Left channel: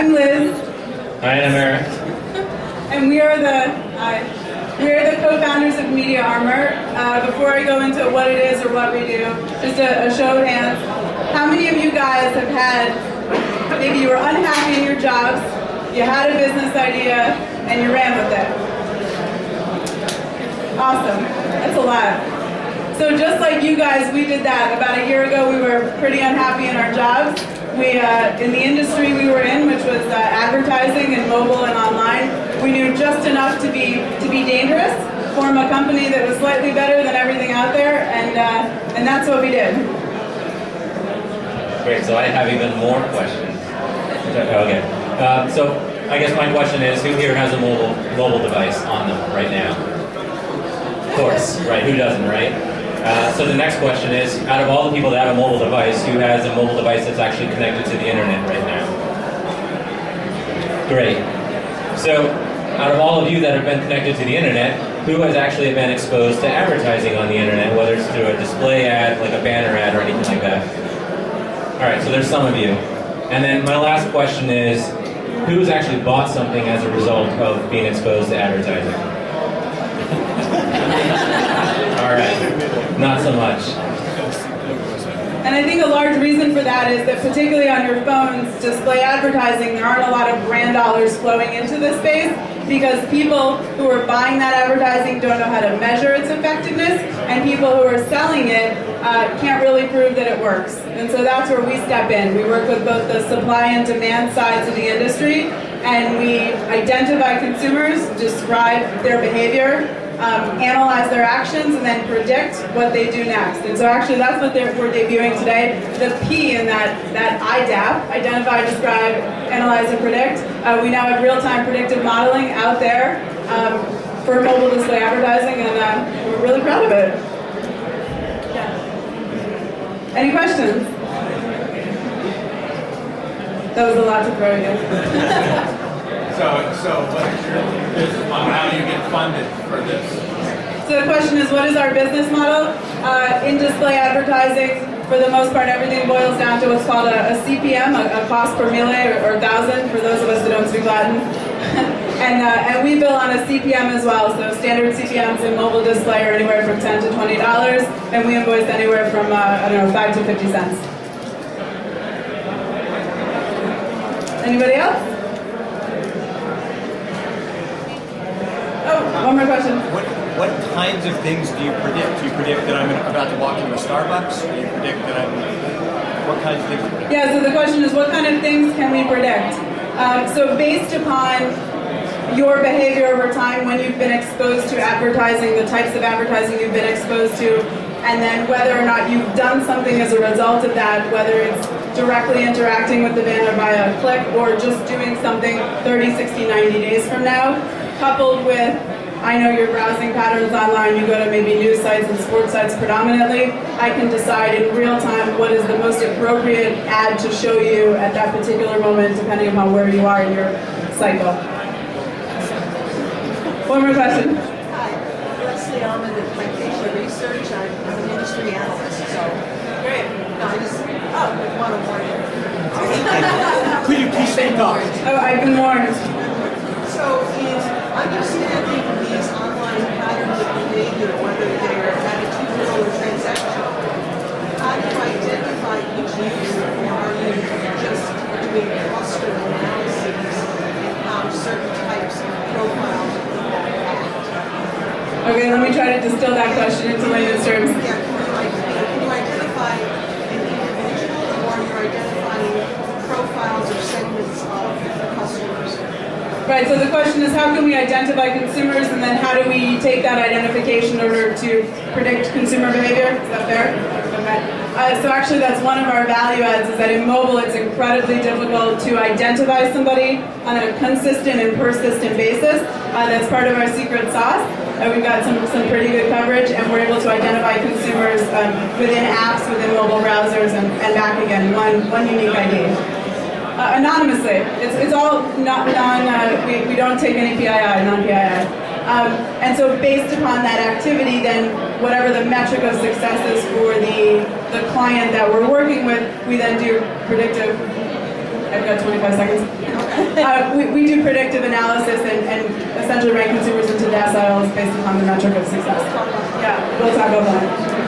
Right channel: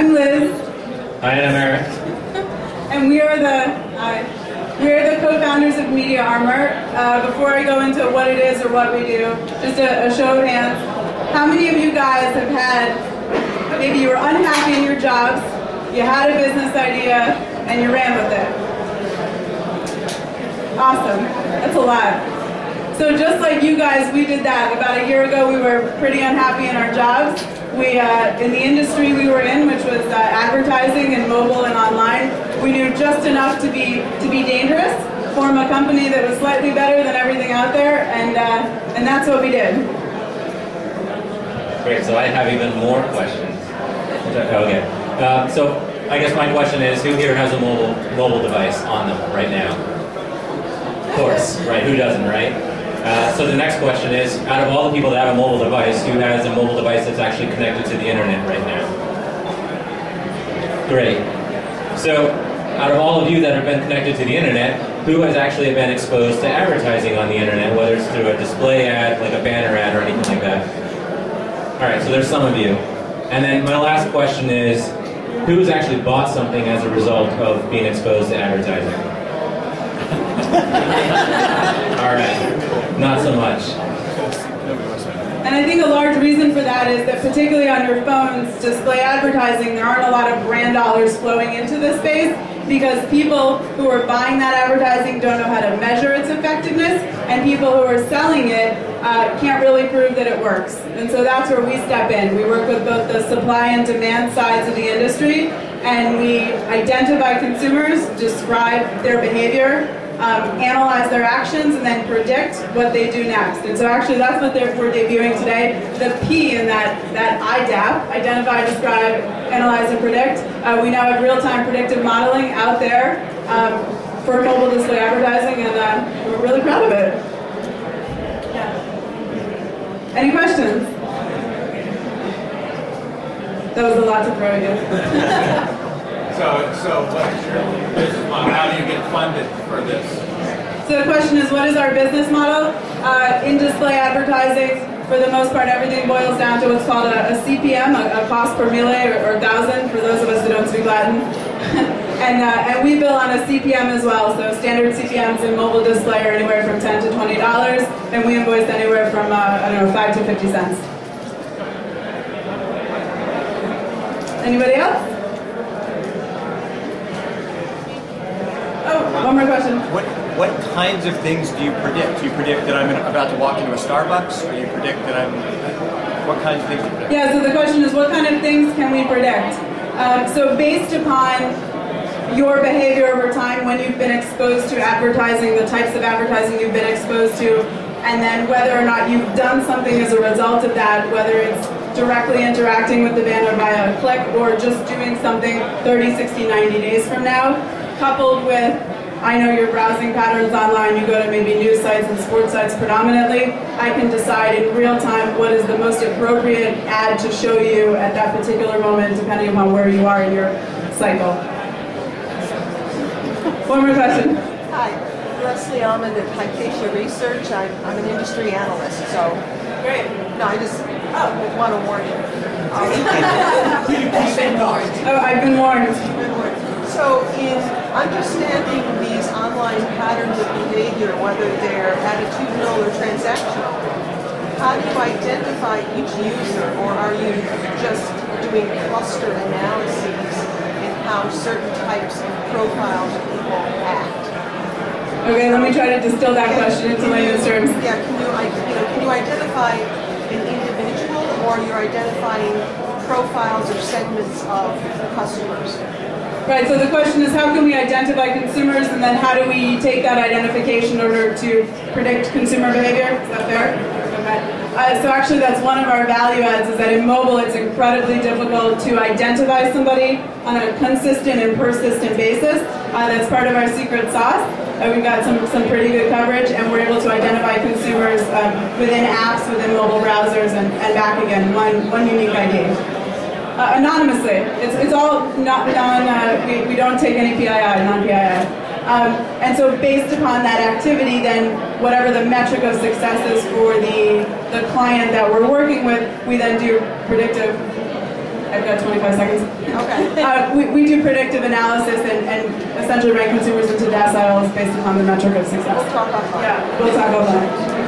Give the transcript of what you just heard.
I'm Liz. Hi, I'm Eric. And we are the co-founders of Media Armor. Before I go into what it is or what we do, just a show of hands. How many of you guys have had, maybe you were unhappy in your jobs, you had a business idea, and you ran with it? Awesome. That's a lot. So just like you guys, we did that. About a year ago, we were pretty unhappy in our jobs. We, in the industry we were in, which was advertising and mobile and online, we knew just enough to be dangerous, form a company that was slightly better than everything out there, and that's what we did. Great, so I have even more questions. Okay, so I guess my question is, who here has a mobile device on them right now? Of course, right, who doesn't, right? So the next question is, out of all the people that have a mobile device, who has a mobile device that's actually connected to the internet right now? Great. So, out of all of you that have been connected to the internet, who has actually been exposed to advertising on the internet, whether it's through a display ad, like a banner ad, or anything like that? Alright, so there's some of you. And then my last question is, who's actually bought something as a result of being exposed to advertising? Alright, not so much. And I think a large reason for that is that particularly on your phones, display advertising, there aren't a lot of brand dollars flowing into this space because people who are buying that advertising don't know how to measure its effectiveness, and people who are selling it can't really prove that it works. And so that's where we step in. We work with both the supply and demand sides of the industry, and we identify consumers, describe their behavior, analyze their actions, and then predict what they do next. And so actually that's what we're debuting today. The P in that IDAP, identify, describe, analyze, and predict. We now have real-time predictive modeling out there for mobile display advertising, and we're really proud of it. Yeah. Any questions? That was a lot to throw you. So what is your business model? How do you get funded for this? So the question is, what is our business model? In display advertising, for the most part, everything boils down to what's called a CPM, a cost per mille or thousand, for those of us who don't speak Latin. and we bill on a CPM as well, so standard CPMs in mobile display are anywhere from $10 to $20, and we invoice anywhere from, 5 to 50 cents. Anybody else? One more question. What kinds of things do you predict? Do you predict that I'm about to walk into a Starbucks? Or do you predict that what kinds of things do you predict? Yeah, so the question is, what kind of things can we predict? So based upon your behavior over time, when you've been exposed to advertising, the types of advertising you've been exposed to, and then whether or not you've done something as a result of that, whether it's directly interacting with the banner via a click or just doing something 30, 60, 90 days from now, coupled with, I know your browsing patterns online, you go to maybe news sites and sports sites predominantly, I can decide in real time what is the most appropriate ad to show you at that particular moment, depending upon where you are in your cycle. One more question. Hi, Leslie Almond at Plantasia Research. I'm an industry analyst, so Great. no, I just want to warn you. Could you please say no? Oh, I've been warned. So in understanding these online patterns of behavior, whether they're attitudinal or transactional, how do you identify each user, or are you just doing cluster analyses in how certain types of profiles of people act? Okay, let me try to distill that question into layman's terms. Yeah, can you identify an individual, or you're identifying profiles or segments of customers? Right, so the question is, how can we identify consumers, and then how do we take that identification in order to predict consumer behavior? Is that fair? Okay. So actually that's one of our value adds, is that in mobile it's incredibly difficult to identify somebody on a consistent and persistent basis. That's part of our secret sauce. We've got some pretty good coverage, and we're able to identify consumers within apps, within mobile browsers, and back again, one unique ID. Anonymously. It's all we don't take any PII, non-PII. And so based upon that activity, then whatever the metric of success is for the client that we're working with, we then do predictive I've got 25 seconds. Okay. We do predictive analysis and essentially rank consumers into deciles based upon the metric of success. Talk about that. Yeah, we'll talk about that.